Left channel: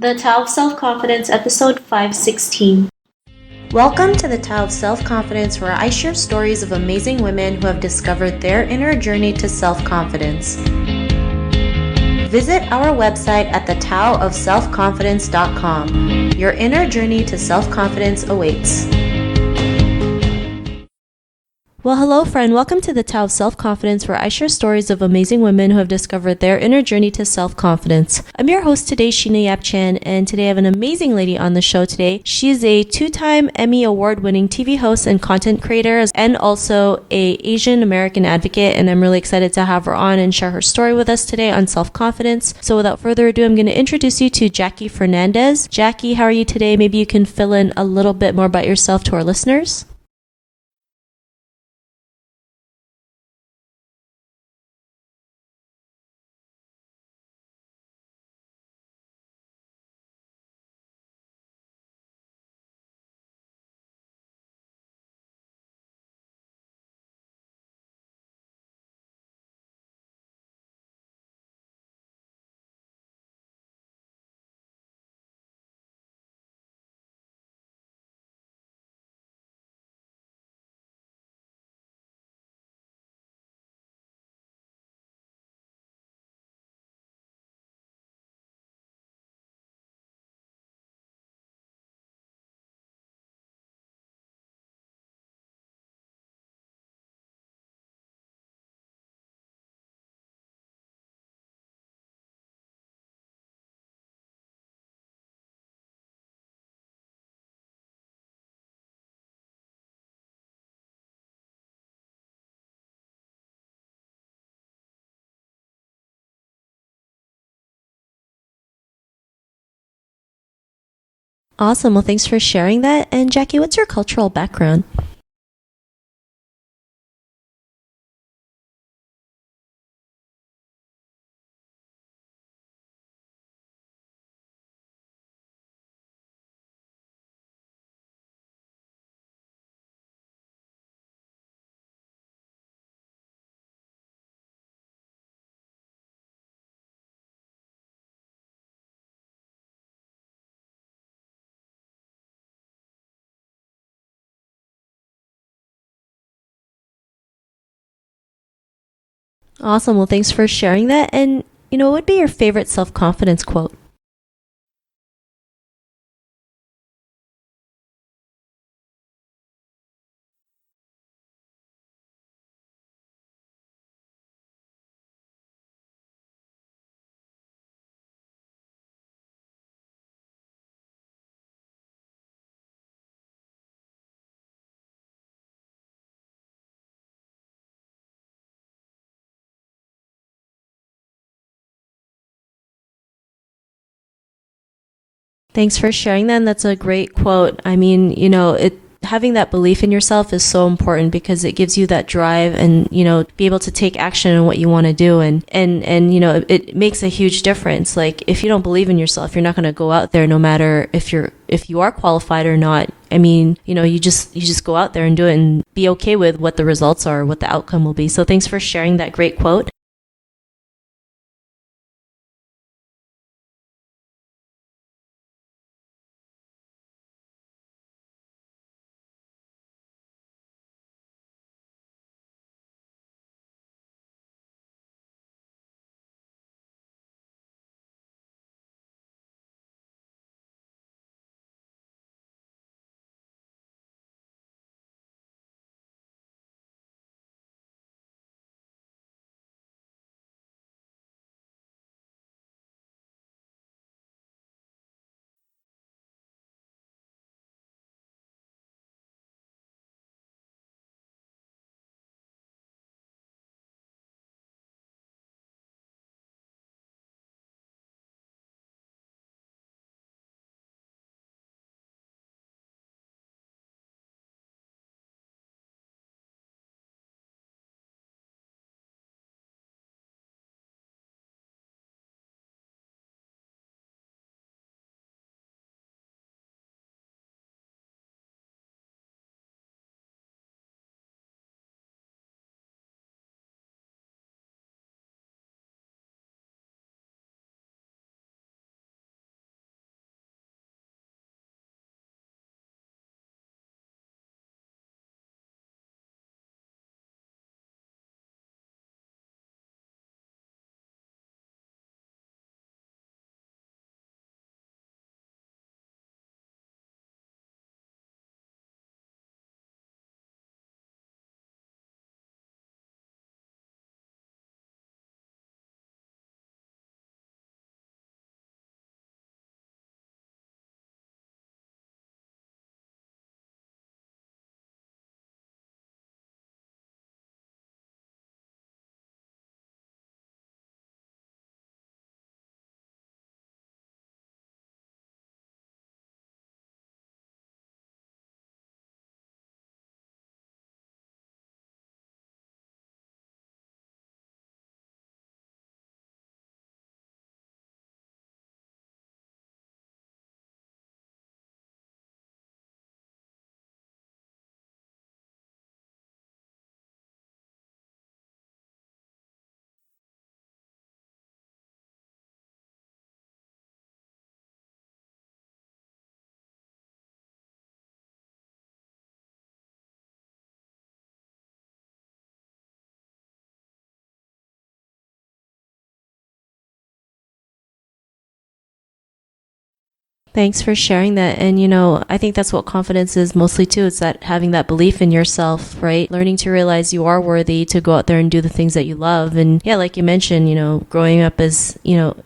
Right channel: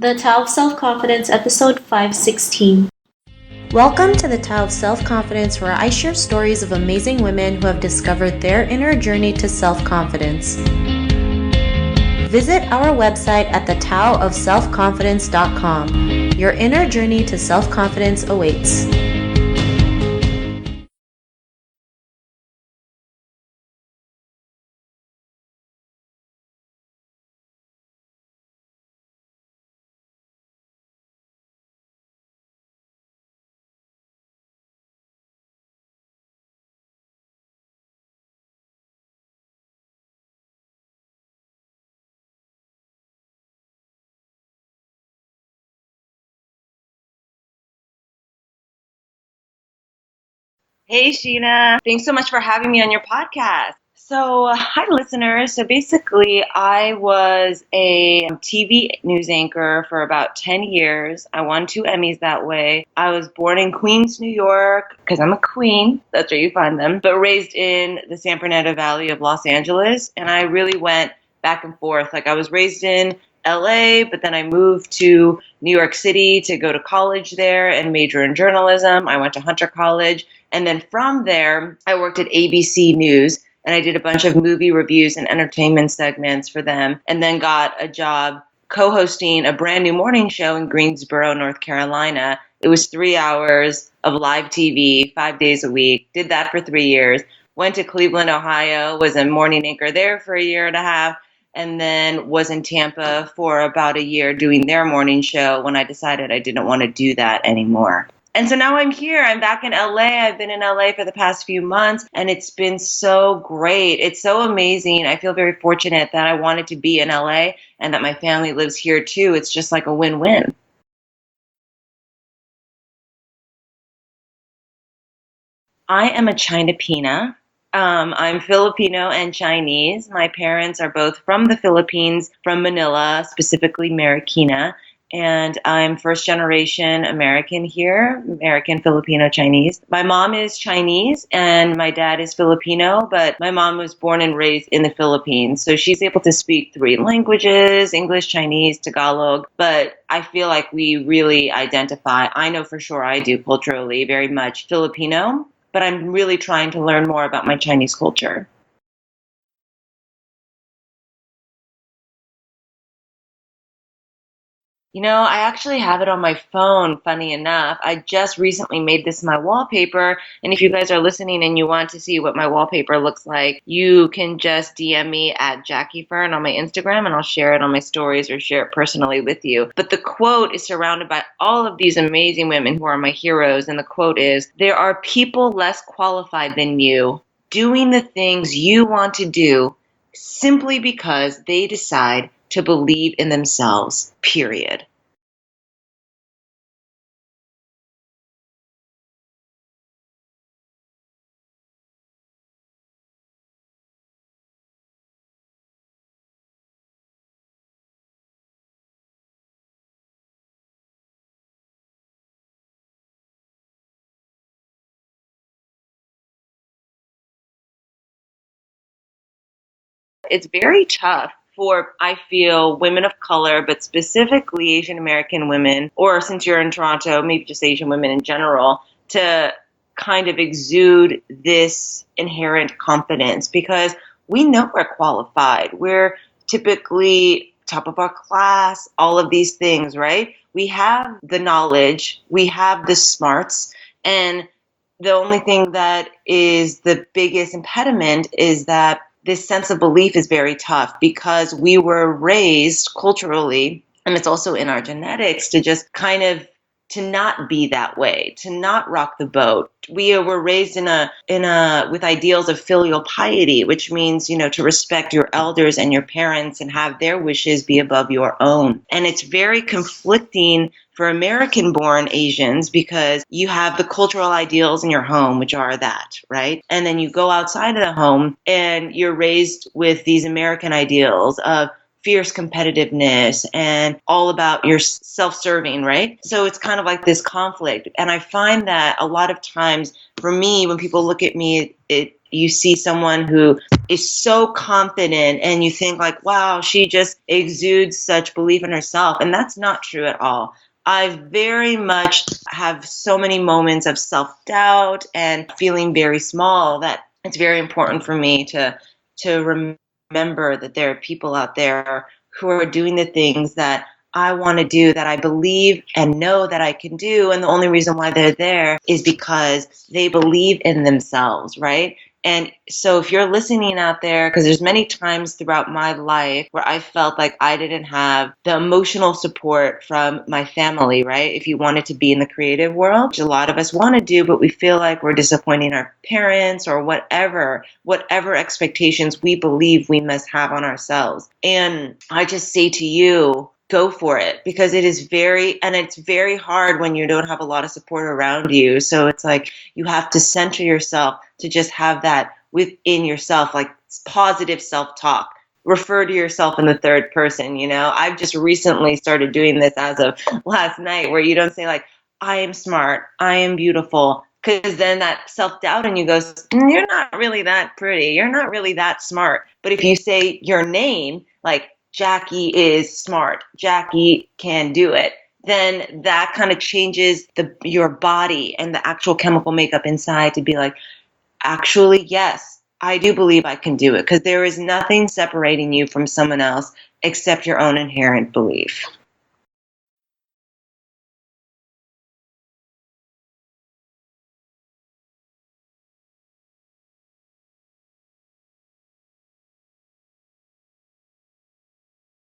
The Tao of Self-Confidence, episode 516. Welcome to the Tao of Self-Confidence, where I share stories of amazing women who have discovered their inner journey to self-confidence. Visit our website at thetaoofselfconfidence.com. Your inner journey to self-confidence awaits. Well, hello, friend. Welcome to the Tao of Self-Confidence, where I share stories of amazing women who have discovered their inner journey to self-confidence. I'm your host today, Sheena Yap-Chan, and today I have an amazing lady on the show today. She is a two-time Emmy award-winning TV host and content creator, and also a Asian American advocate, and I'm really excited to have her on and share her story with us today on self-confidence. So without further ado, I'm going to introduce you to Jackie Fernandez. Jackie, how are you today? Maybe you can fill in a little bit more about yourself to our listeners. Hey, Sheena. Thanks so much for having me on your podcast. So, hi, listeners. So basically, I was a TV news anchor for about 10 years. I won 2 Emmys that way. I was born in Queens, New York, because I'm a queen. That's where you find them. But raised in the San Fernando Valley of Los Angeles. And I really went back and forth. Like, I was raised in LA, but then I moved to New York City to go to college there and major in journalism. I went to Hunter College. And then from there, I worked at ABC News and I did a bunch of movie reviews and entertainment segments for them, and then got a job co-hosting a brand new morning show in Greensboro, North Carolina. It was 3 hours of live TV, 5 days a week. Did that for 3 years. Went to Cleveland, Ohio, was a morning anchor there for a year and a half, and then was in Tampa for about a year doing their morning show when I decided I didn't want to do that anymore. And so now I'm here. I'm back in LA. I've been in LA for the past few months, and it's been so great. It's so amazing. I feel very fortunate that I wanted to be in LA and that my family lives here too. It's just like a win-win. Awesome. Well, thanks for sharing that. And Jackie, what's your cultural background? I am a Chinapina. I'm Filipino and Chinese. My parents are both from the Philippines, from Manila, specifically Marikina. And I'm first generation American here, American, Filipino, Chinese. My mom is Chinese and my dad is Filipino, but my mom was born and raised in the Philippines. So she's able to speak 3 languages, English, Chinese, Tagalog. But I feel like we really identify, I know for sure I do culturally, very much Filipino, but I'm really trying to learn more about my Chinese culture. Awesome. Well, thanks for sharing that. And, what would be your favorite self-confidence quote? I actually have it on my phone, funny enough. I just recently made this my wallpaper. And if you guys are listening and you want to see what my wallpaper looks like, you can just DM me at Jackie Fern on my Instagram and I'll share it on my stories or share it personally with you. But the quote is surrounded by all of these amazing women who are my heroes. And the quote is, "There are people less qualified than you doing the things you want to do simply because they decide to believe in themselves, period." Thanks for sharing that. And that's a great quote. I mean, having that belief in yourself is so important because it gives you that drive and, be able to take action on what you want to do. And it makes a huge difference. Like if you don't believe in yourself, you're not going to go out there no matter if you are qualified or not. I mean, you just go out there and do it and be okay with what the results are, what the outcome will be. So thanks for sharing that great quote. It's very tough for, I feel, women of color, but specifically Asian American women, or since you're in Toronto, maybe just Asian women in general, to kind of exude this inherent confidence because we know we're qualified. We're typically top of our class, all of these things, right? We have the knowledge, we have the smarts, and the only thing that is the biggest impediment is that this sense of belief is very tough because we were raised culturally, and it's also in our genetics, to just kind of to not be that way, to not rock the boat. We were raised with ideals of filial piety, which means, to respect your elders and your parents and have their wishes be above your own. And it's very conflicting for American-born Asians because you have the cultural ideals in your home, which are that, right? And then you go outside of the home and you're raised with these American ideals of fierce competitiveness and all about your self-serving, right? So it's kind of like this conflict. And I find that a lot of times for me, when people look at me, you see someone who is so confident and you think like, wow, she just exudes such belief in herself. And that's not true at all. I very much have so many moments of self-doubt and feeling very small that it's very important for me to remember that there are people out there who are doing the things that I want to do, that I believe and know that I can do. And the only reason why they're there is because they believe in themselves, right? And so if you're listening out there, because there's many times throughout my life where I felt like I didn't have the emotional support from my family, right? If you wanted to be in the creative world, which a lot of us want to do, but we feel like we're disappointing our parents or whatever expectations we believe we must have on ourselves. And I just say to you, go for it, because it's very hard when you don't have a lot of support around you. So it's like you have to center yourself to just have that within yourself, like positive self-talk. Refer to yourself in the third person. I've just recently started doing this as of last night, where you don't say like, I am smart, I am beautiful, because then that self-doubt in you goes, you're not really that pretty, you're not really that smart. But if you say your name, like Jackie is smart, Jackie can do it, then that kind of changes your body and the actual chemical makeup inside to be like, actually, yes, I do believe I can do it, because there is nothing separating you from someone else except your own inherent belief. Thanks for sharing that. And, I think that's what confidence is mostly too. It's that having that belief in yourself, right? Learning to realize you are worthy to go out there and do the things that you love. And yeah, like you mentioned, growing up as,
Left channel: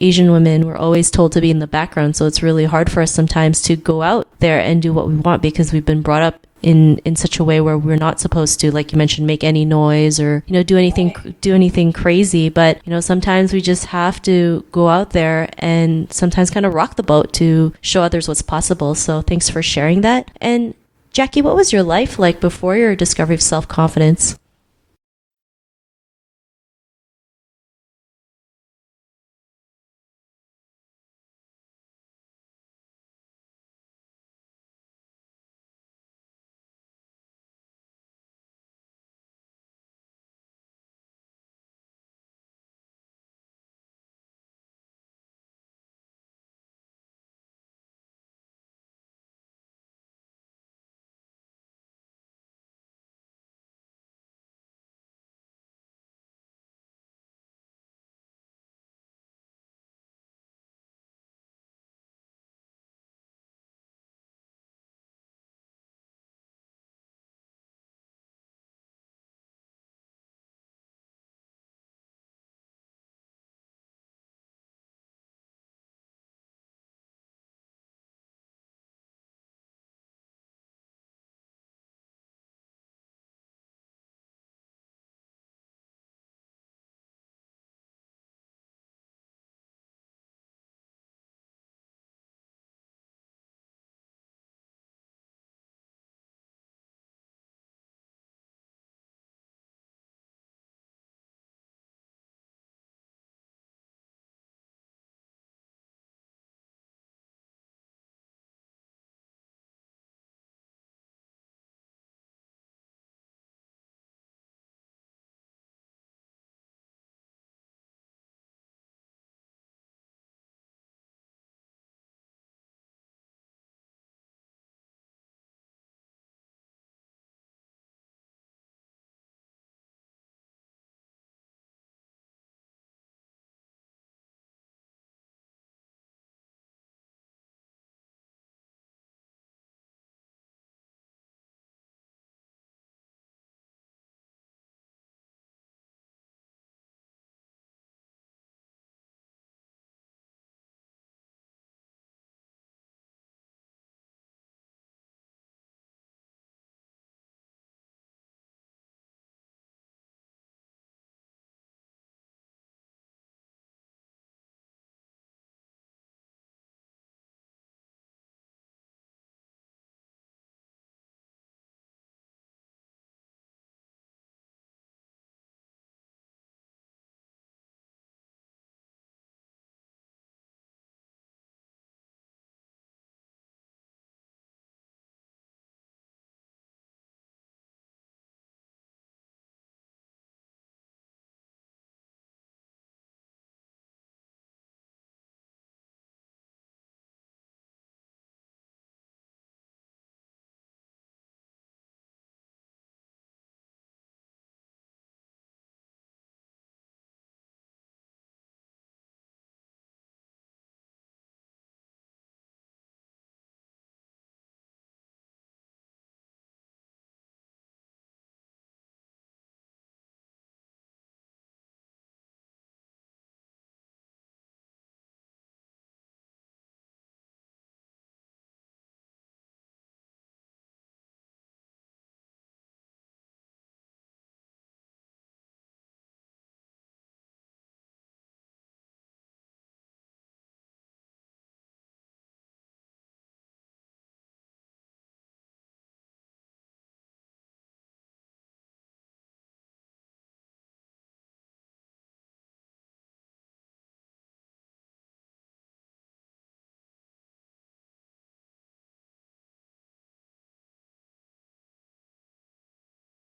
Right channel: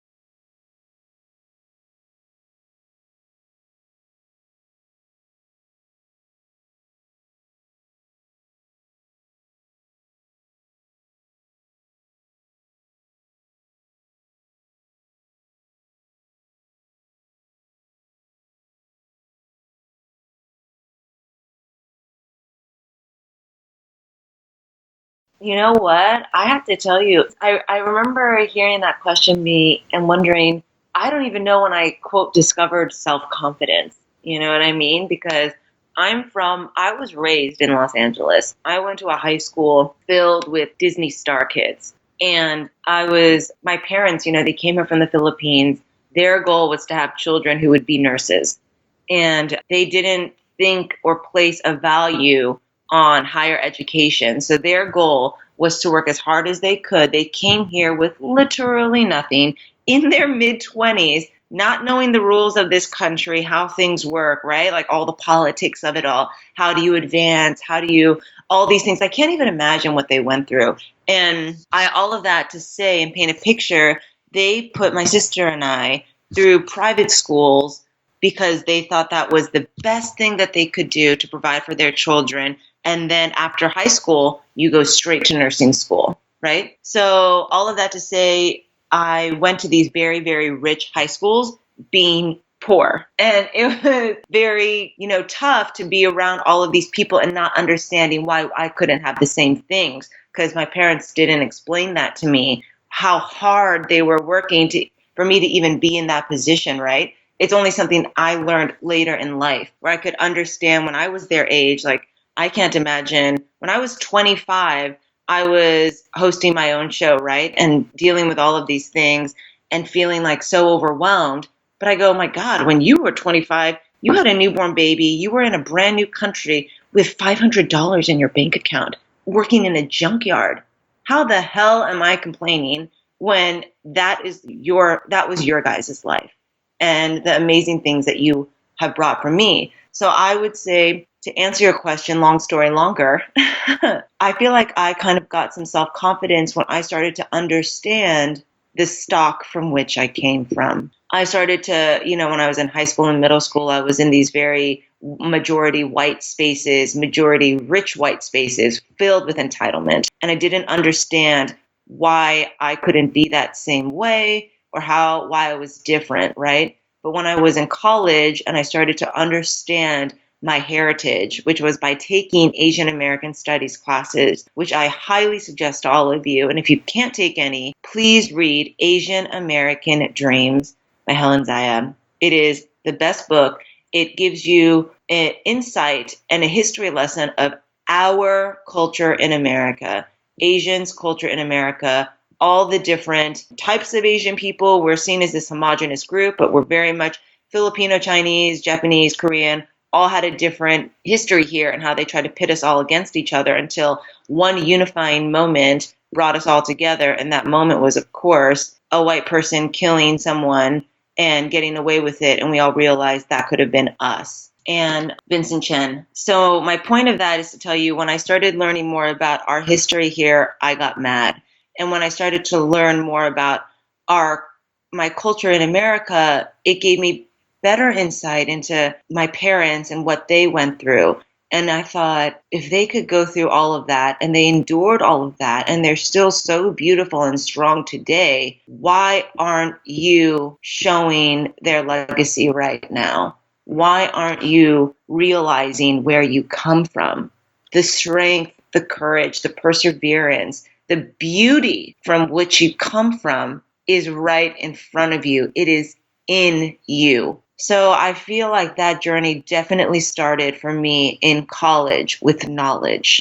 Asian women, we're always told to be in the background. So it's really hard for us sometimes to go out there and do what we want, because we've been brought up in such a way where we're not supposed to, like you mentioned, make any noise or, do anything crazy. But, sometimes we just have to go out there and sometimes kind of rock the boat to show others what's possible. So thanks for sharing that. And Jackie, what was your life like before your discovery of self-confidence? You know what? I have to tell you, I remember hearing that question me and wondering, I don't even know when I, quote, discovered self-confidence. You know what I mean? Because I was raised in Los Angeles. I went to a high school filled with Disney star kids. And my parents, they came here from the Philippines. Their goal was to have children who would be nurses. And they didn't think or place a value on higher education. So their goal was to work as hard as they could. They came here with literally nothing in their mid-20s, not knowing the rules of this country, how things work, right? Like all the politics of it all. How do you advance? All these things. I can't even imagine what they went through. And all of that to say and paint a picture, they put my sister and I through private schools because they thought that was the best thing that they could do to provide for their children. And then after high school, you go straight to nursing school, right? So all of that to say, I went to these very, very rich high schools being poor. And it was very, tough to be around all of these people and not understanding why I couldn't have the same things, because my parents didn't explain that to me, how hard they were working for me to even be in that position, right? It's only something I learned later in life, where I could understand when I was their age. Like, I can't imagine when I was 25, I was hosting my own show, right? And dealing with all of these things and feeling like so overwhelmed. But I go, oh my God, when you were 25, you had a newborn baby, you were in a brand new country with $500 in your bank account, working in a junkyard. How the hell am I complaining when that was your guys' life and the amazing things that you have brought for me? So I would say, to answer your question, long story longer, I feel like I kind of got some self-confidence when I started to understand the stock from which I came from. I started to, when I was in high school and middle school, I was in these very majority white spaces, majority rich white spaces filled with entitlement. And I didn't understand why I couldn't be that same way or why I was different, right? But when I was in college and I started to understand my heritage, which was by taking Asian American Studies classes, which I highly suggest to all of you. And if you can't take any, please read Asian American Dreams by Helen Zaya. It is the best book. It gives you an insight and a history lesson of our culture in America, Asians' culture in America, all the different types of Asian people. We're seen as this homogenous group, but we're very much Filipino, Chinese, Japanese, Korean, all had a different history here and how they tried to pit us all against each other until one unifying moment brought us all together. And that moment was, of course, a white person killing someone and getting away with it. And we all realized that could have been us. And Vincent Chen. So my point of that is to tell you, when I started learning more about our history here, I got mad. And when I started to learn more about my culture in America, it gave me better insight into my parents and what they went through. And I thought, if they could go through all of that and they endured all of that and they're still so beautiful and strong today, why aren't you showing their legacy right now? Why aren't you realizing where you come from? The strength, the courage, the perseverance, the beauty from which you come from is right in front of you. It is in you. So I feel like that journey definitely started for me in college with knowledge,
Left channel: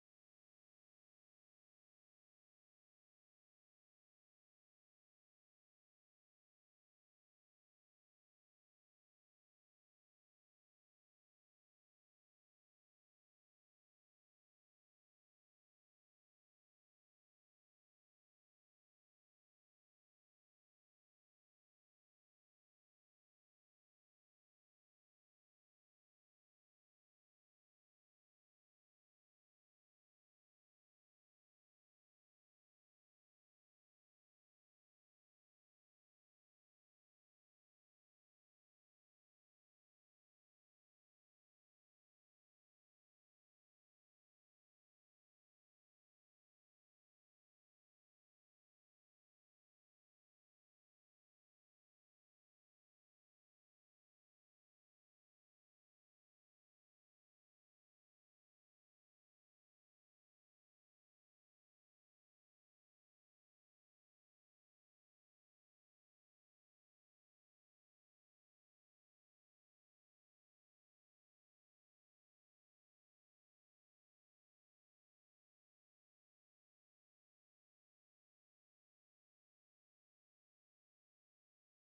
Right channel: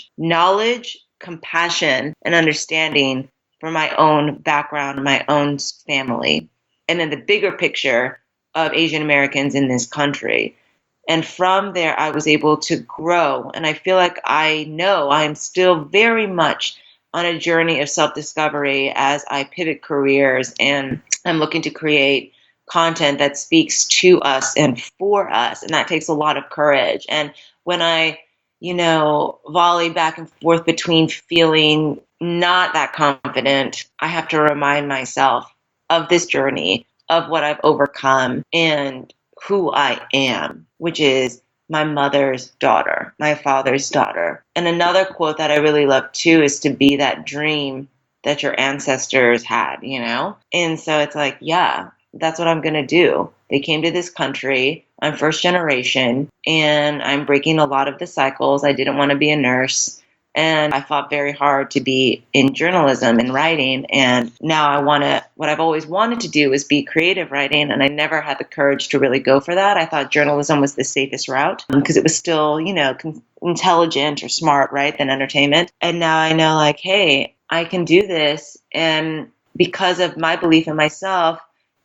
compassion, and understanding for my own background, my own family, and then the bigger picture of Asian Americans in this country. And from there, I was able to grow. And I feel like I know I am still very much on a journey of self-discovery as I pivot careers and I'm looking to create content that speaks to us and for us. And that takes a lot of courage. And when I, volley back and forth between feeling not that confident, I have to remind myself of this journey, of what I've overcome and who I am, which is my mother's daughter, my father's daughter. And another quote that I really love too is to be that dream that your ancestors had, And so it's like, yeah, that's what I'm going to do. They came to this country. I'm first generation and I'm breaking a lot of the cycles. I didn't want to be a nurse. And I fought very hard to be in journalism and writing. And now what I've always wanted to do is be creative writing. And I never had the courage to really go for that. I thought journalism was the safest route because it was still, intelligent or smart, right, than entertainment. And now I know like, hey, I can do this. And because of my belief in myself,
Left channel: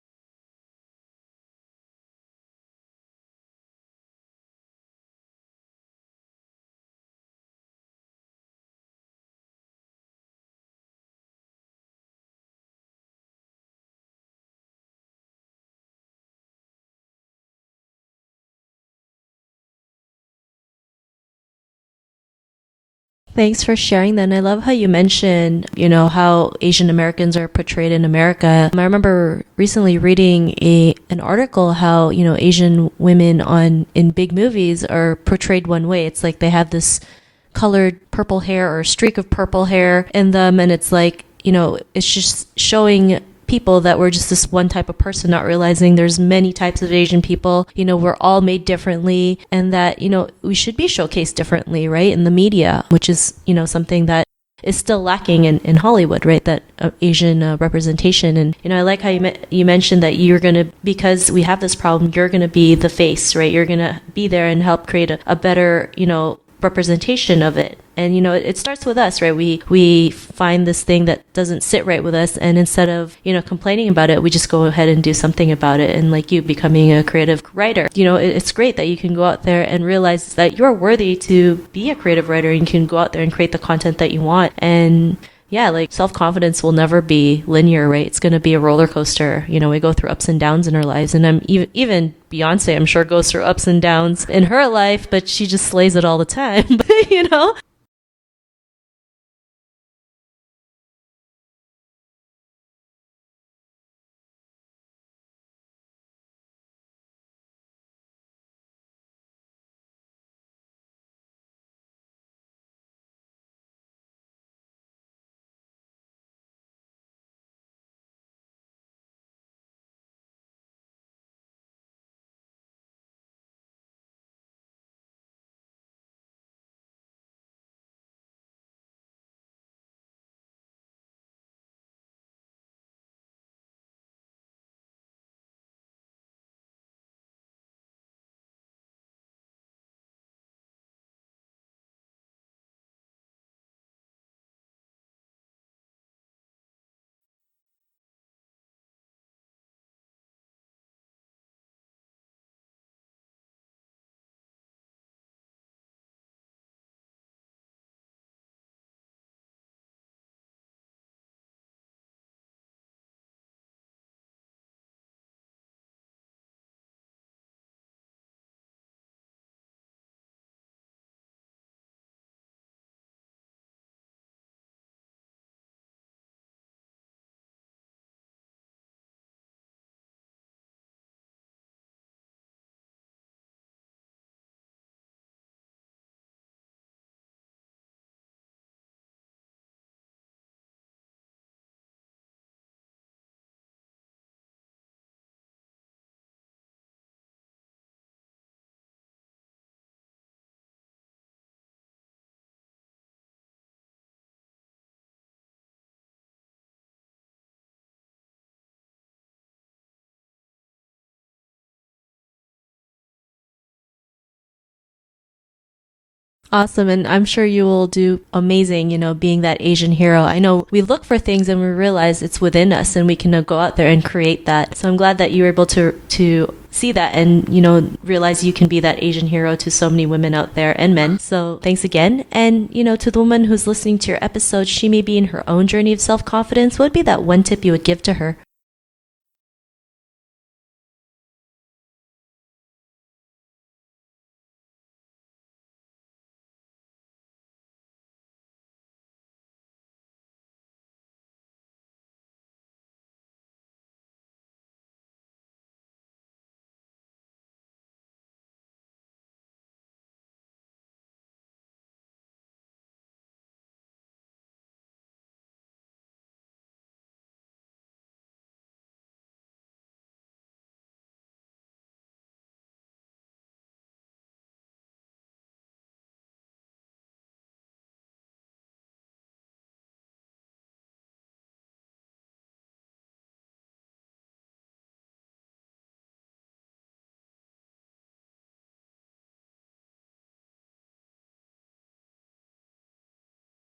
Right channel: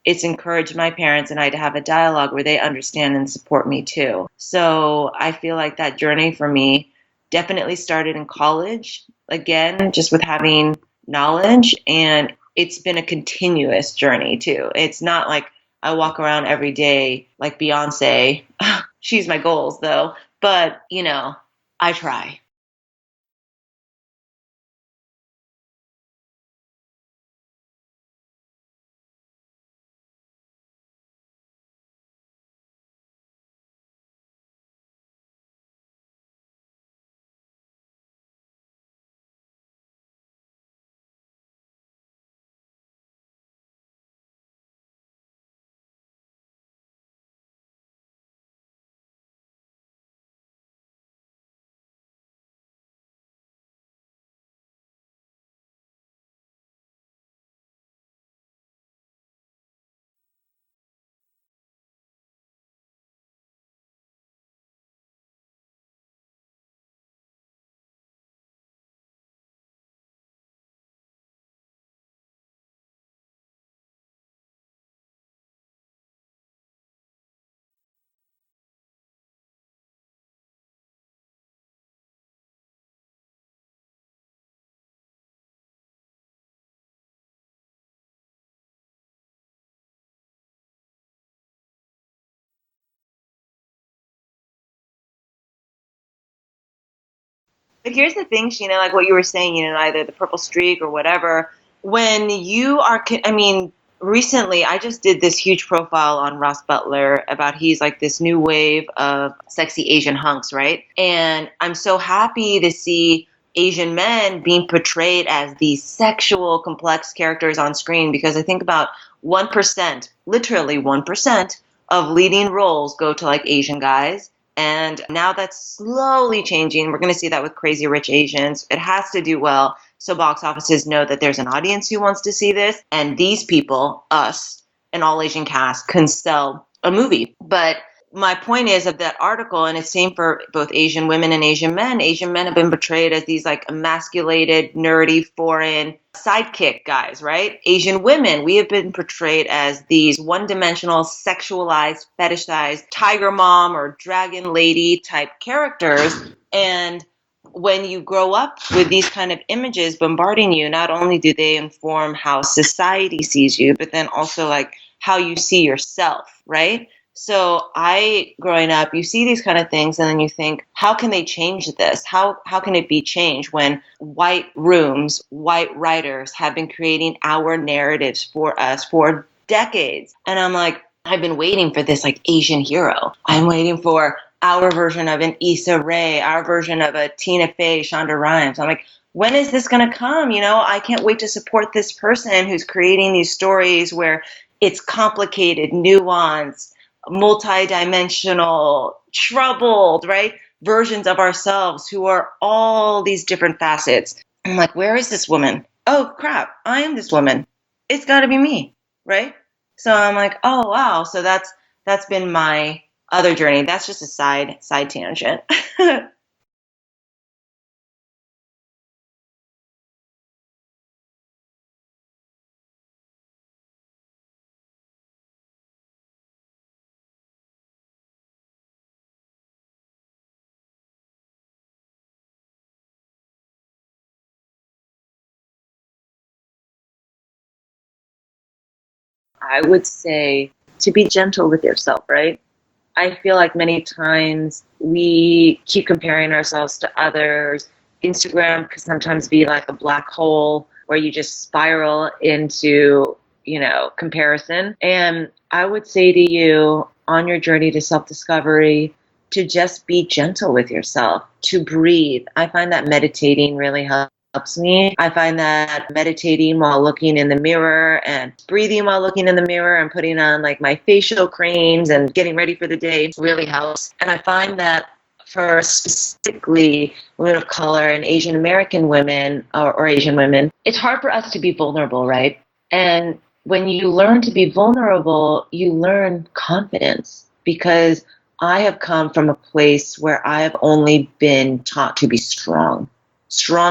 it's encouraged my parents and I to have a dialogue where they understand and support me too. So I feel like that journey for me definitely started in college, again, just with having knowledge. And it's been a continuous journey too. It's not like I walk around every day like Beyonce. She's my goals though. But, I try. Thanks for sharing that. And I love how you mentioned, how Asian Americans are portrayed in America. I remember recently reading an article how, Asian women in big movies are portrayed one way. It's like they have this colored purple hair or a streak of purple hair in them. And it's like, it's just showing people that we're just this one type of person, not realizing there's many types of Asian people. We're all made differently and that, we should be showcased differently, right? In the media, which is, something that is still lacking in Hollywood, right? That Asian representation. And, I like how you mentioned that because we have this problem, you're going to be the face, right? You're going to be there and help create a better, representation of it. And it starts with us, right? We find this thing that doesn't sit right with us, and instead of complaining about it, we just go ahead and do something about it. And like you becoming a creative writer, it's great that you can go out there and realize that you're worthy to be a creative writer, and you can go out there and create the content that you want. And yeah, like self-confidence will never be linear, right? It's going to be a roller coaster. We go through ups and downs in our lives. And I'm even Beyonce, I'm sure, goes through ups and downs in her life, but she just slays it all the time, But here's the thing, Sheena, like what you were saying, either the purple streak or whatever. When you are, recently I just did this huge profile on Ross Butler about he's like this new wave of sexy Asian hunks, right? And I'm so happy to see Asian men being portrayed as these sexual, complex characters on screen, because I think about 1%, literally 1% of leading roles go to like Asian guys. And now that's slowly changing. We're going to see that with Crazy Rich Asians. It has to do well so box offices know that there's an audience who wants to see this. And these people, us, an all Asian cast, can sell a movie. But my point is of that article, and it's same for both Asian women and Asian men. Asian men have been portrayed as these like emasculated, nerdy, foreign sidekick guys, right? Asian women, we have been portrayed as these one-dimensional, sexualized, fetishized tiger mom or dragon lady type characters. And when you grow up with these kind of images bombarding you, not only do they inform how society sees you, but then also like how you see yourself, right? So growing up, you see these kind of things and then you think, how can they change this? How can it be changed when white rooms, white writers have been creating our narratives for us for decades? And I'm like, I've been waiting for this like Asian hero. I'm waiting for our version of an Issa Rae, our version of a Tina Fey, Shonda Rhimes. I'm like, when is this going to come? I can't wait to support this person who's creating these stories where it's complicated, nuanced, multi-dimensional, troubled, right? Versions of ourselves who are all these different facets. I'm like, where is this woman? Oh crap, I am this woman. It's got to be me, right? So I'm like, oh wow. So that's been my other journey. That's just a side tangent. Awesome. And I'm sure you will do amazing, being that Asian hero. I know we look for things and we realize it's within us and we can go out there and create that. So I'm glad that you were able to see that and, realize you can be that Asian hero to so many women out there and men. So thanks again. And, to the woman who's listening to your episode, she may be in her own journey of self-confidence. What would be that one tip you would give to her? I would say to be gentle with yourself, right? I feel like many times we keep comparing ourselves to others. Instagram can sometimes be like a black hole where you just spiral into, comparison. And I would say to you on your journey to self-discovery, to just be gentle with yourself, to breathe. I find that meditating really helps me. I find that meditating while looking in the mirror and breathing while looking in the mirror and putting on like my facial creams and getting ready for the day really helps. And I find that for specifically women of color and Asian American women or Asian women, it's hard for us to be vulnerable, right? And when you learn to be vulnerable, you learn confidence, because I have come from a place where I have only been taught to be strong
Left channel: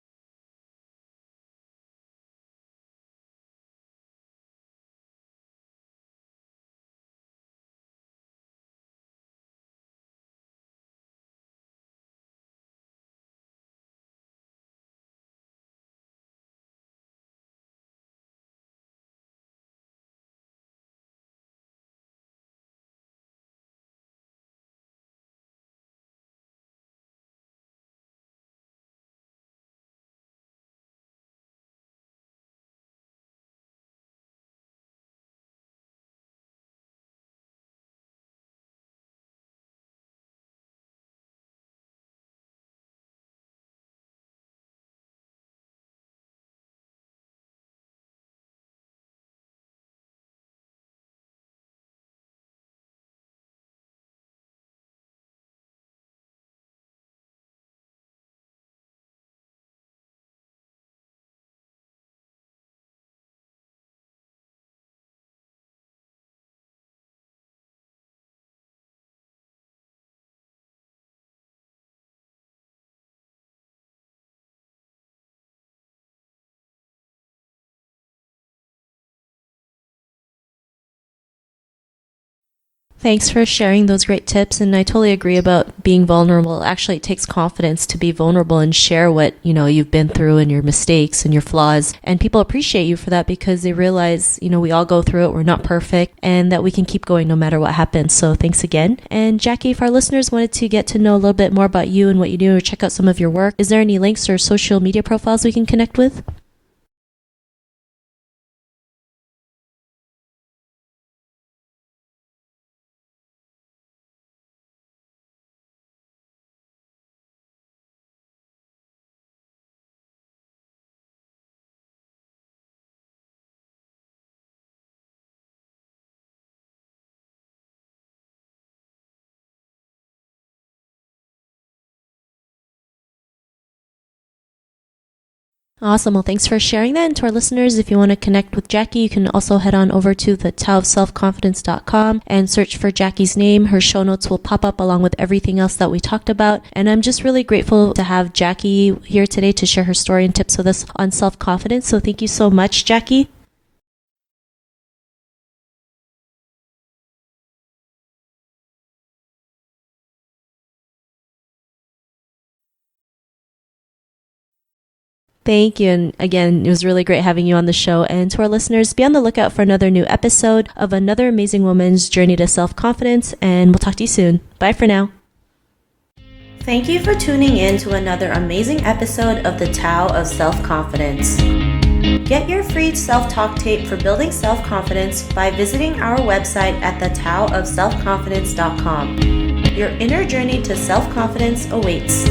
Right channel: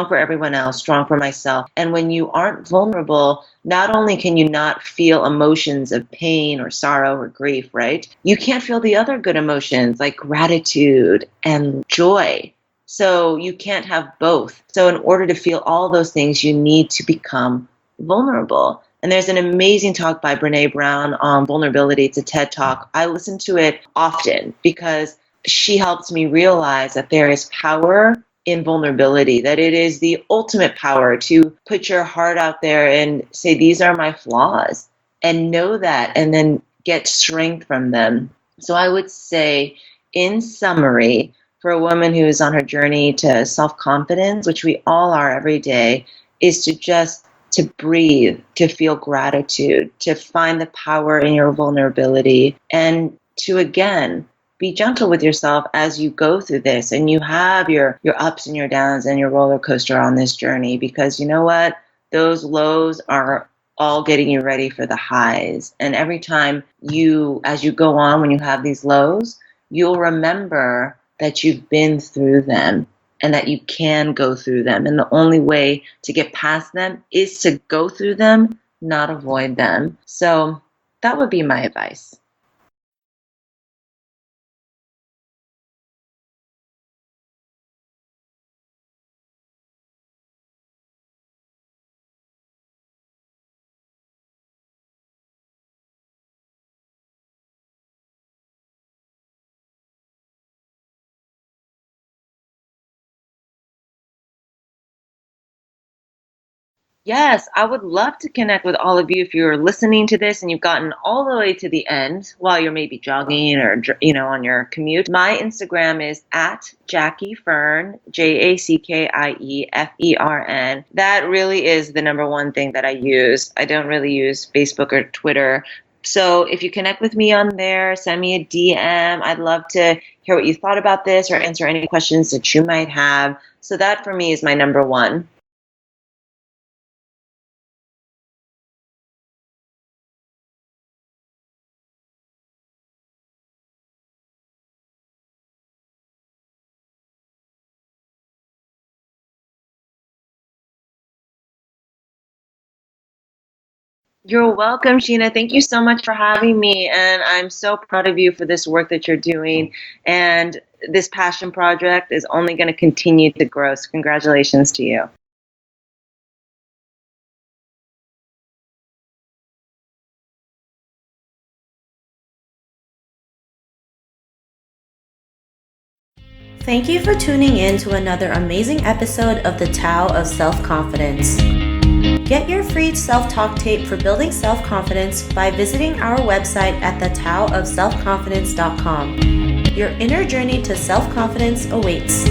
for everyone else, strong for myself. And when you aren't vulnerable, not only can you not feel emotions of pain or sorrow or grief, right? You can't feel the other good emotions like gratitude and joy. So you can't have both. So in order to feel all those things, you need to become vulnerable. And there's an amazing talk by Brene Brown on vulnerability. It's a TED Talk. I listen to it often because she helps me realize that there is power in vulnerability, that it is the ultimate power to put your heart out there and say, these are my flaws, and know that, and then get strength from them. So I would say, in summary, for a woman who is on her journey to self-confidence, which we all are every day, is to breathe, to feel gratitude, to find the power in your vulnerability, and to, again, be gentle with yourself as you go through this and you have your ups and your downs and your roller coaster on this journey, because you know what? Those lows are all getting you ready for the highs. And every time as you go on, when you have these lows, you'll remember that you've been through them and that you can go through them. And the only way to get past them is to go through them, not avoid them. So that would be my advice. Thanks for sharing those great tips. And I totally agree about being vulnerable. Actually, it takes confidence to be vulnerable and share what, you've been through and your mistakes and your flaws. And people appreciate you for that because they realize, we all go through it. We're not perfect and that we can keep going no matter what happens. So thanks again. And Jackie, if our listeners wanted to get to know a little bit more about you and what you do or check out some of your work, is there any links or social media profiles we can connect with? Yes, I would love to connect with all of you if you're listening to this and you've gotten all the way to the end while you're maybe jogging or, on your commute. My Instagram is at Jackie Fern, JackieFern. That really is the number one thing that I use. I don't really use Facebook or Twitter. So if you connect with me on there, send me a DM. I'd love to hear what you thought about this or answer any questions that you might have. So that for me is my number one. Awesome. Well, thanks for sharing that. And to our listeners, if you want to connect with Jackie, you can also head on over to the taoofselfconfidence.com and search for Jackie's name. Her show notes will pop up along with everything else that we talked about. And I'm just really grateful to have Jackie here today to share her story and tips with us on self-confidence. So thank you so much, Jackie. You're welcome, Sheena. Thank you so much for having me. And I'm so proud of you for this work that you're doing. And this passion project is only going to continue to grow. So congratulations to you. Thank you. And again, it was really great having you on the show. And to our listeners, be on the lookout for another new episode of another amazing woman's journey to self-confidence. And we'll talk to you soon. Bye for now. Thank you for tuning in to another amazing episode of the Tao of Self-Confidence. Get your free self-talk tape for building self-confidence by visiting our website at thetaoofselfconfidence.com. Your inner journey to self-confidence awaits.